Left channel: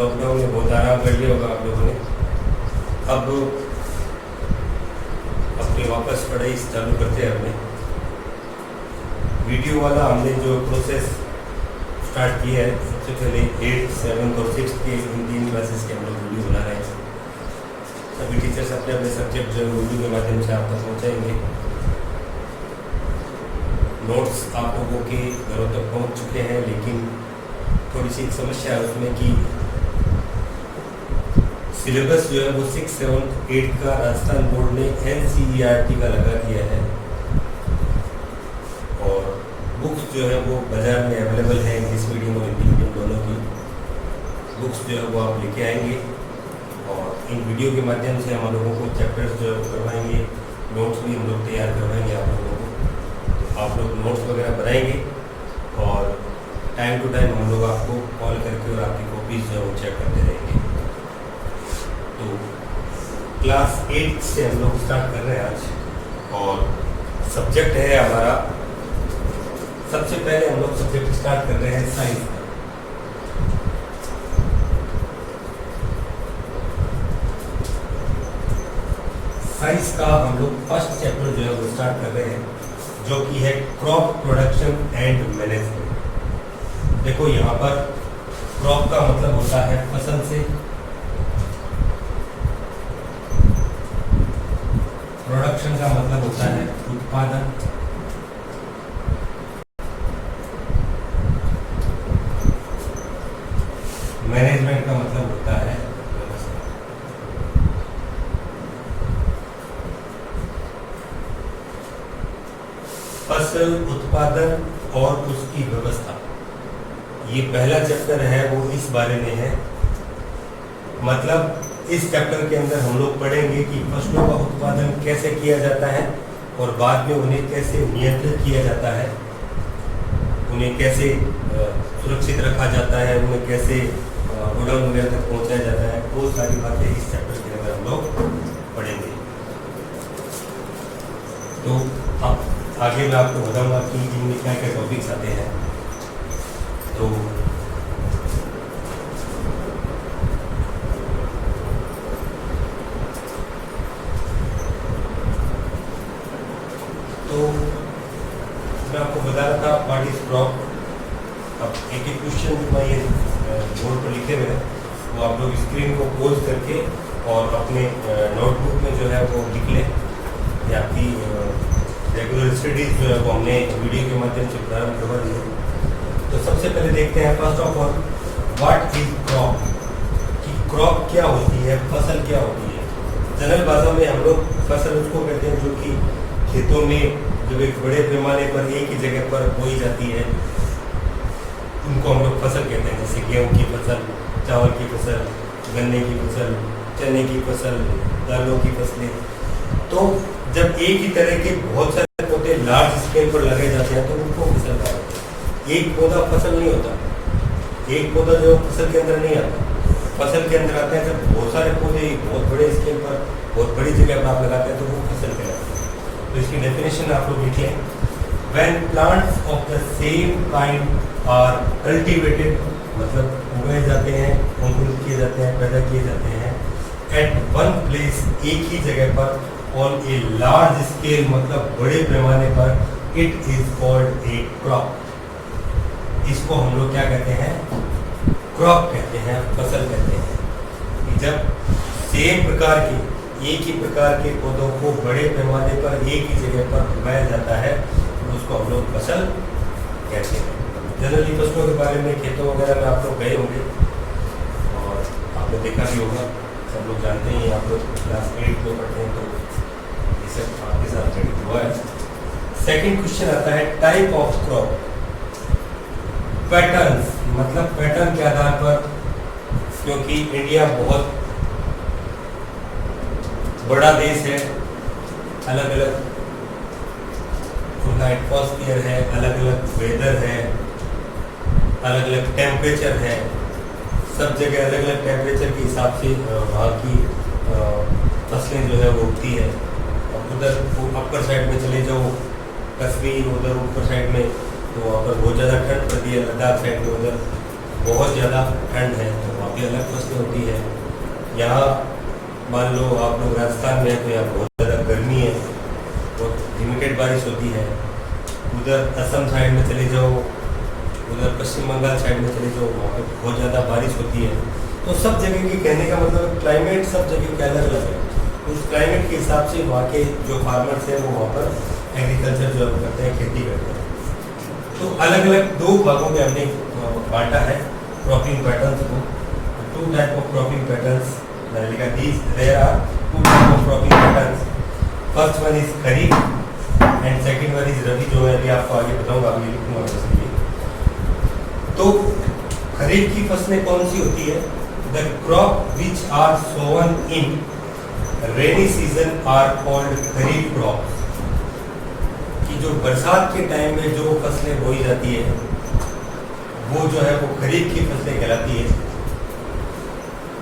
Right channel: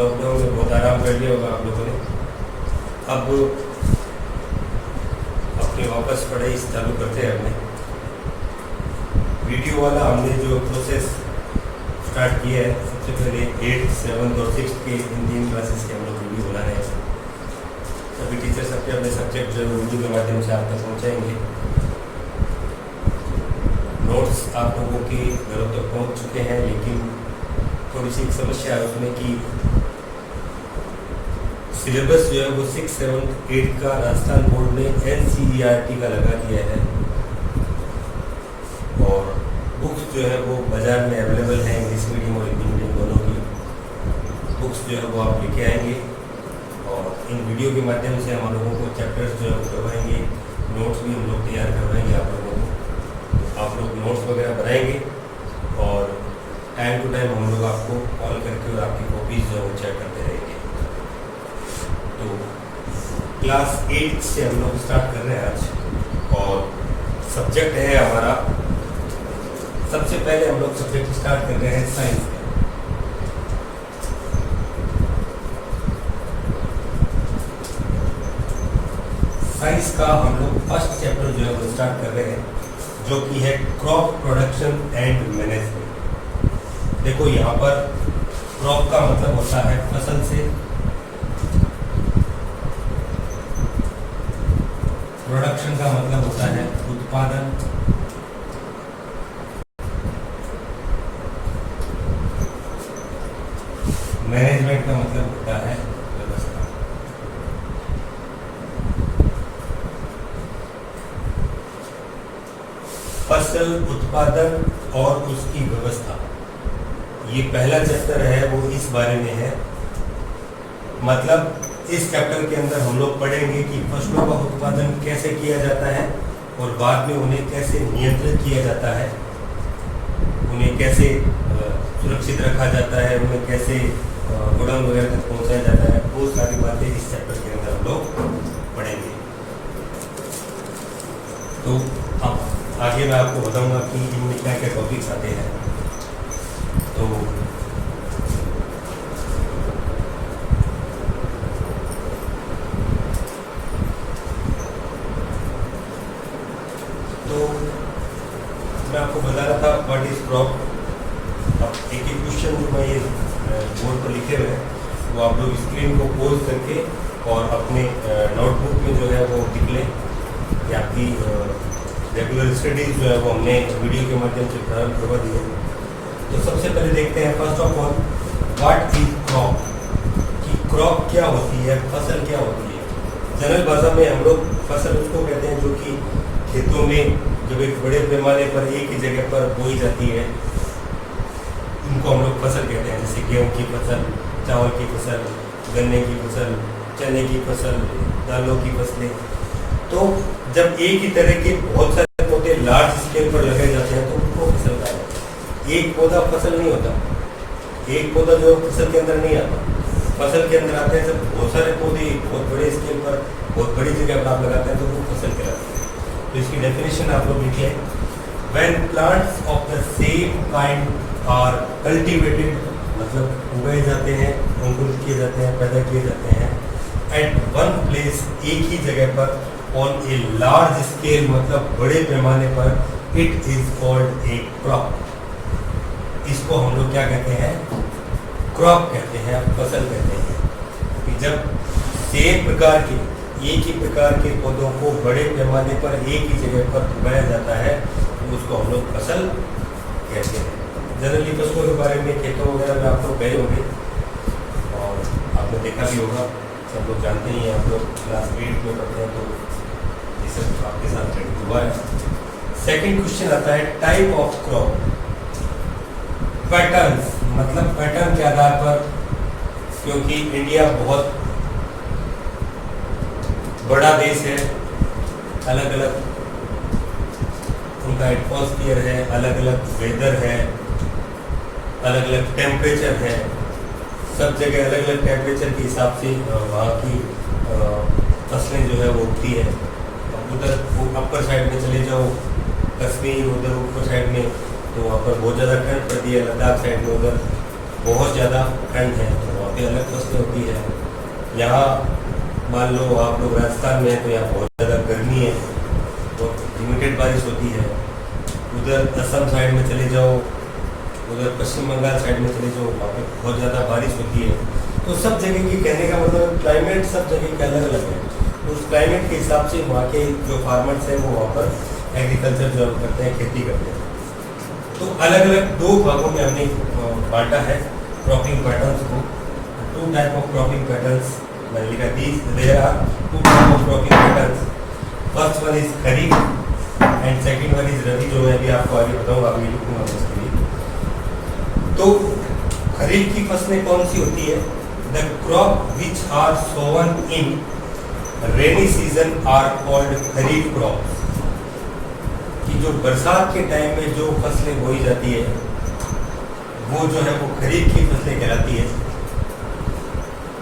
Lockdown में बहुत आराम कर लिया होगा आप लोगों ने। अब अपनी वापस पढ़ाई चालू करते हैं। हमने वीडियो वाला हमने जो प्रोसेस स्टार्ट किया है, सबसे पहले 8, 7 और 6 के इन 3 क्लासेस के हम लोग वीडियो बना रहे हैं। सभी टीचर्स अपने अपने सब्जेक्ट जो वीडियो के माध्यम से आप तक पहुँचाएंगे। नोट्स आप लोगों के घरों तक पहुँच चुके हैं, लेकिन थोड़ी सी समस्या है उसमें कि सिलेबस जो है वो 6, 7, 8 का राजस्थान बोर्ड ने NCERT का लगा दिया है और बुक्स जो है वो बाज़ार में अवेलेबल है। इंग्लिश मीडियम और हिंदी मीडियम दोनों की बुक्स जो है वो आप लेके आएंगे और इन वीडियो के माध्यम से हम लोगों को चैप्टर्स जो है वो करवाएंगे। नोट्स भी हम लोग तैयार करवाएंगे आप लोगों को। आप लोग नोट्स वगैरह बनाएंगे और टाइम टू टाइम हम लोग आपको कॉल करके और आपकी कॉपीज जो है वो चेक करते रहेंगे। तो क्लास 8 से हम लोग स्टार्ट कर रहे हैं आज और सब्जेक्ट है हमारा, सबसे पहले हम लोग सब्जेक्ट स्टार्ट कर रहे हैं साइंस। साइंस का हम लोग फर्स्ट चैप्टर जो है वो स्टार्ट कर रहे हैं, जो कि है क्रॉप प्रोडक्शन एंड मैनेजमेंट। देखो यहाँ पर क्रॉप का मतलब होता है फसल से, प्रोडक्शन का मतलब होता है उत्पादन, मैनेजमेंट का मतलब होता है व्यवस्था। फसल उत्पादन और उसकी व्यवस्था, ये पहला चैप्टर है वो इस बारे में है। मतलब इस चैप्टर के अंदर हम लोग पढ़ेंगे कि फसलों का उत्पादन कैसे किया जाता है और बाद में उन्हें कैसे नियंत्रित किया जाता है, उन्हें कैसे सुरक्षित रखा जाता है, उन्हें कैसे गोडाउन वगैरह तक पहुँचाया जाता है। वो सारी बातें इस चैप्टर के अंदर हम लोग पढ़ेंगे। तो अब आगे मैं आपको बताऊंगा कि इनमें क्या क्या टॉपिक्स आते हैं। तो मैं आपको बता रहा था व्हाट इज क्रॉप। अब एक एक क्वेश्चन मैं ये बोर्ड पर लिखे हुए हैं वो आप लोग स्क्रीन को पोज करके और अपने नोटबुक में जो है वो लिख लें। ये आपकी रेगुलर स्टडीज जो है वो हमने वीडियो के माध्यम से प्रारंभ करवा दी है। तो सबसे पहले देखते हैं first of all what is crop, कि क्रॉप क्या होती है, फसल क्या होती है। जनरल भाषा में हम लोग फसल उसको कहते हैं जो कि खेतों में जब एक बड़े पैमाने पर एक ही जगह पर बोई जाती है, उनको हम लोग फसल कहते हैं। जैसे गेहूँ की फसल, चावल की फसल, गन्ने की फसल, चने की फसल, दालों की फसलें। तो जब एक ही तरह के बहुत सारे पौधे लार्ज स्केल पर लगाए जाते हैं तो उनको फसल कहा जाता है। एक पौधा फसल नहीं होता, एक पौधा जो फसल के अंदर नहीं आता। फसल के अंदर आते हैं जब बहुत सारे पौधे बहुत बड़े स्केल पर बहुत बड़ी जगह पर आप लगाते हैं तो वो फसल कहलाते हैं। तो इसकी डेफिनेशन आप लोग लिखिए, when plants of the same kind are cultivated, मतलब उगाए जाते हैं, अंकुरित किए जाते हैं, पैदा किए जाते हैं एट वन प्लेस, एक ही जगह पर, ऑन ए लार्ज स्केल, मतलब बड़े पैमाने पर, it is called a crop. इसको हम लोग क्या कहते हैं, क्रॉप कहते हैं, फसल कहते हैं। कि जब सेम प्रकार के एक ही प्रकार के पौधों को बड़े पैमाने पर एक ही जगह पर उगाया जाता है तो उसको हम लोग फसल कहते हैं। जनरली फसलों के बारे में खेतों वगैरह में आप लोग गए होंगे और आपने देखा भी होगा, सब लोग जानते हैं। आप लोग क्लास 8 में पढ़ते हैं तो ये सब आपके साथ घटित हुआ है। सेकेंड क्वेश्चन आता है टाइप ऑफ क्रॉप। पैटर्न्स, मतलब पैटर्न के आधार पर, क्योंकि इंडिया बहुत बड़ा देश है, अलग अलग उनका एटमॉस्फेयर है, अलग अलग वेदर है, अलग अलग टेम्परेचर है। सब जगह अलग अलग टेम्परेचर के हिसाब से वहाँ की फसलें जो है वो उगती है। और उधर अपर साइड में चले जाओ कश्मीर, उधर ऊपर साइड में तो वहाँ पर बहुत ज़्यादा ठंड पड़ती है। लद्दाख साइड में उधर बहुत ज़्यादा ठंड है, तो वहाँ पे अलग फसलें होती है। यहाँ मान लो आप लोग राजस्थान में हैं तो यहाँ बहुत ज़्यादा गर्मी है, बहुत लिमिटेड बारिश होती है। उधर असम साइड में चले जाओ, उधर पश्चिम बंगाल साइड में चले जाओ, वहाँ पे बहुत ज़्यादा बारिश होती है। तो सब जगह की कहने का मतलब क्लाइमेट सब जगह के अलग अलग है। उस क्लाइमेट के हिसाब से वहाँ के जो फार्मर्स हैं वो वहाँ पर एग्रीकल्चर जो करते हैं, खेती करते हैं। तो अलग अलग दो भागों में हमने बांटा है क्रॉपिंग पैटर्न्स को। Two type of cropping patterns मैंने लिखा these there are two type of cropping patterns. First one is kharif and second one is rabi, जो मैं अभी आपको आगे बताऊंगा, अभी लिखूंगा उसके लिए। तो खरीफ की फसलें कौन सी होती है? The crop which are sown in rainy season are called kharif crops. कि जो बरसात के टाइम में जो फसलें बोई जाती है वो जो है वो खरीफ की फसलें कहलाती है।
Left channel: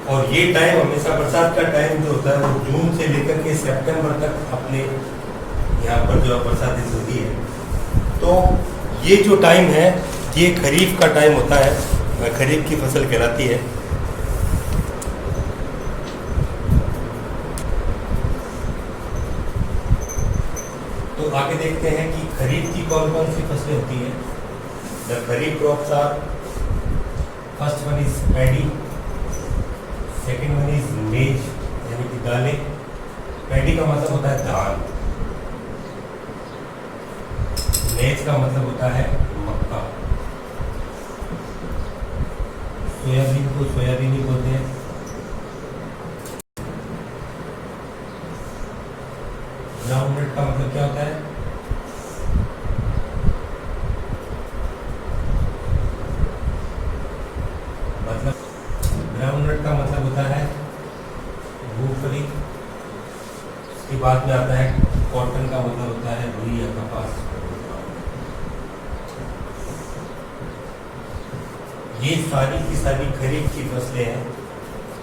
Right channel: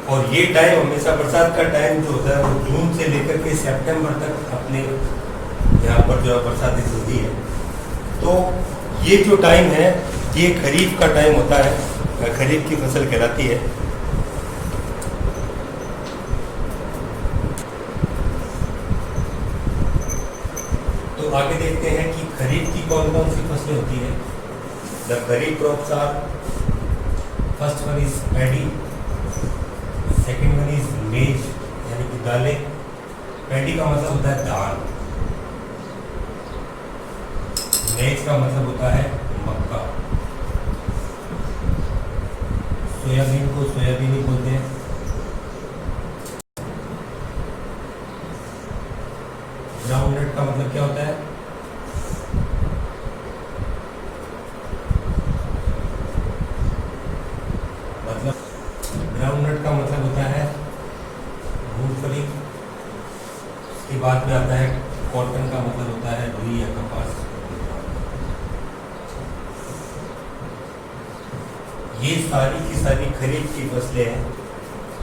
और ये टाइम हमेशा बरसात का टाइम जो होता है वो जून से लेकर के सितंबर तक अपने यहाँ पर जो बरसात होती है। तो ये जो टाइम है ये खरीफ का टाइम होता है, खरीफ की फसल कहलाती है। तो आगे देखते हैं कि खरीफ की कौन कौन सी फसलें होती है। The kharif crops are, first one is paddy, second one is maize यानी कि दालें। पैडी का मतलब होता है धान, मेज का मतलब होता है मक्का, सोयाबीन को सोयाबीन ही बोलते हैं। ग्राउंडनट का मतलब क्या होता है? मतलब ग्राउंडनट का मतलब होता है मूंगफली। इसके बाद में आता है कॉटन का मतलब होता है रुई या कपास। ये सारी की सारी खरीफ की फसलें हैं,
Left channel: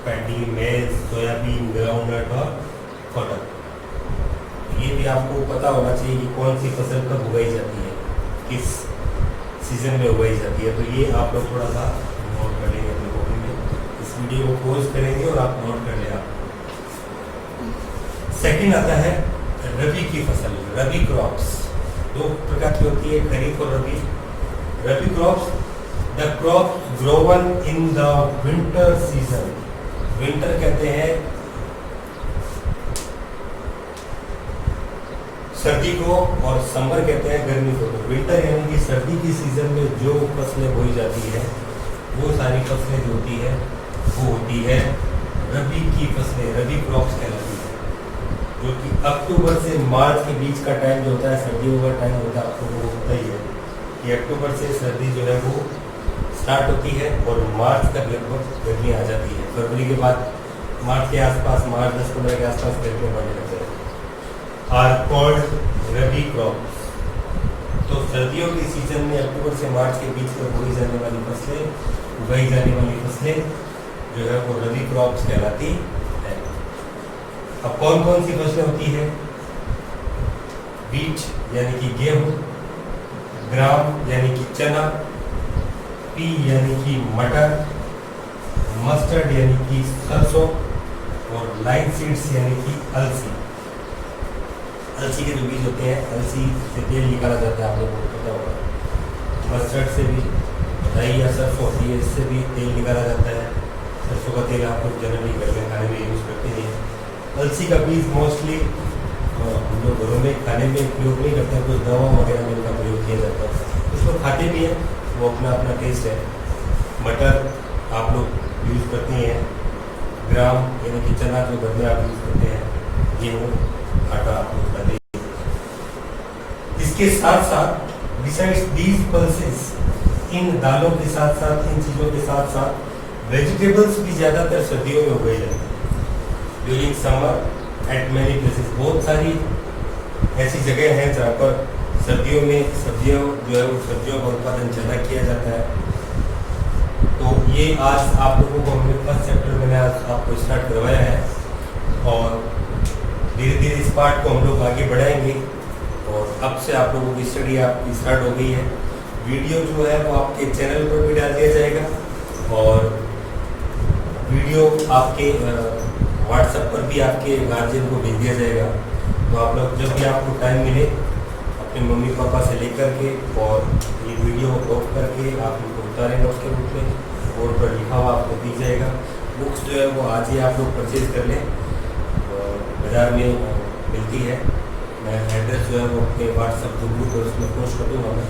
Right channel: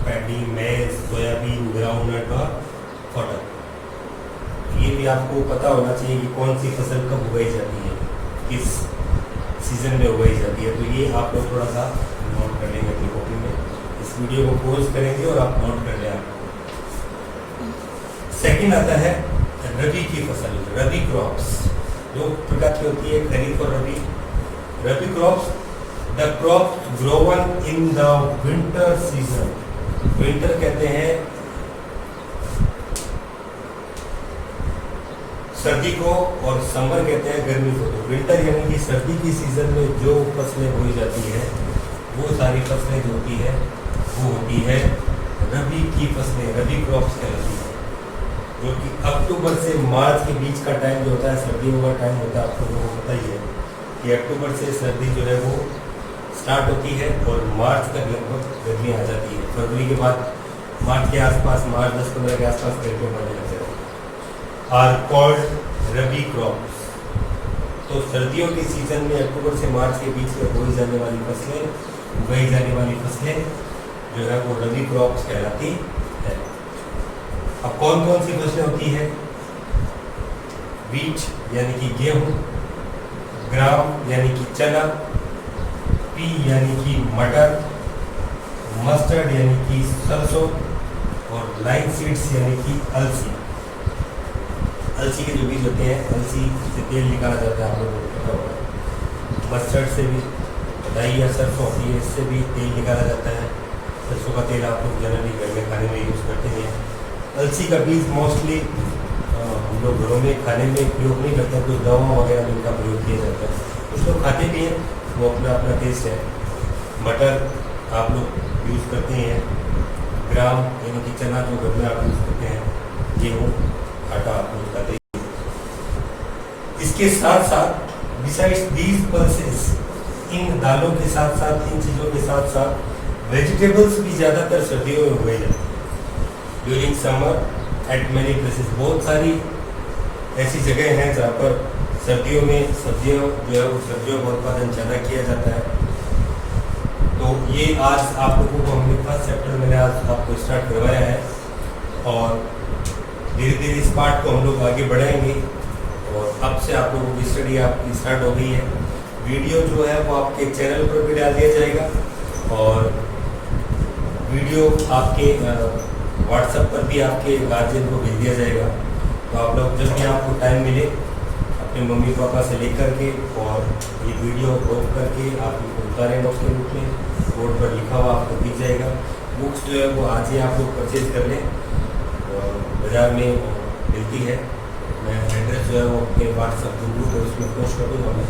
पैडी, मेज, सोयाबीन, ग्राउंडनट और कॉटन। ये भी आपको पता होना चाहिए कि कौन सी फसल कब उगाई जाती है, किस सीजन में उगाई जाती है। तो ये आप लोग थोड़ा सा नोट कर लेंगे अपनी कॉपी में, इस वीडियो को पॉज करेंगे और आप नोट कर लें। आप सेकंड आता है रबी की फसल, रबी क्रॉप्स। दो प्रकार की होती है, खरीफ और rabi. Rabi crops the crop grown in the winter season. Winter कहते हैं सर्दी को और समर कहते हैं गर्मी को। तो विंटर यानी कि सर्दी की सीजन में जो फसलें बोई जाती है वो सारी फसलें जो होती है वो होती है रबी की फसलें, रबी क्रॉप्स कहलाती है। जो कि अक्टूबर से मार्च के बीच का टाइम जो होता है, सर्दियों का टाइम होता है, आपको वो होता ही है कि अक्टूबर से सर्दी जो है वो स्टार्ट होती है और मार्च तक लगभग गर्मी आ जाती है। फरवरी के बाद मार्च के आसपास, मार्च 10-15 के आसपास गर्मी बढ़ने लगते हैं। Are called rabi crops. तो सर्दियों के सीजन में अक्टूबर से मार्च के बीच में बोई जाने वाली फसलें, उगाई जाने वाली फसलें जो है वो रबी क्रॉप्स कहलाती है। अब कौन कौन सी फसलें होती है? वीट यानी कि गेहूं, ग्राम यानी कि चना, पी यानी कि मटर, मस्टर्ड यानी कि सरसों और लाइन सीड्स यानी कि अलसी। अलसी के जो बीज होते हैं, अलसी से तेल निकाला जाता है, आप लोगों को पता होगा। मस्टर्ड से भी राई या सरसों होती है, इससे भी तेल निकाला जाता है। सरसों का तेल आप लोग जनरली घर में खाने में यूज़ करते हैं। अलसी का बीज मोस्टली हम लोग घरों में खाने में प्रयोग नहीं करते हैं, कुछ दवा वगैरह में इनका प्रयोग किया जाता है। कुछ लोग खाते भी हैं, वो अपना अपना टेस्ट है। मटर आप लोग यूज़ करते हैं। ग्राम यानी कि चना जो घर में आप यूज़ करते हैं, गेहूँ, आटा आप यूज़ करते हैं। इसके साथ साथ बिसाइड्स दीज पल्सेस, इन दालों के साथ साथ, इन चीज़ों के साथ साथ वेजिटेबल्स भी ज़्यादातर सर्दियों में उगाई जाती है। During summer eight many places, बहुत सारी ऐसी जगह हैं जहाँ पर सर्दियों में सब्जियों जो है वो सब्जियों का उत्पादन ज़्यादा किया जाता है। तो ये आज आप लोगों को हमने फर्स्ट चैप्टर मैंने आज आपको स्टार्ट करवाया है और धीरे धीरे इस पार्ट को हम लोग आगे बढ़ाएंगे। और अब से आप लोगों की स्टडी आपकी स्टार्ट हो गई है। वीडियो जो है वो आपके चैनल पर भी डाल दिया जाएगा और वीडियो आपके व्हाट्सएप पर भी आपके गार्जियन को भेज दिया जाएगा। तो आप लोग जब भी आपको टाइम मिले अपने मम्मी पापा से लेकर के और ये वीडियो ऑफ करके आप इनको उतारें नोट के रूप में, बोर्ड पर लिखा हुआ आपको दिख जाएगा। बुक्स जो है वो आज ही आप लोग परचेज कर लें, बाज़ार में मिलती है। मैं एड्रेस जो है वो अपने व्हाट्सएप ग्रुप पर उसमें पोस्ट कर दूँगा मैं।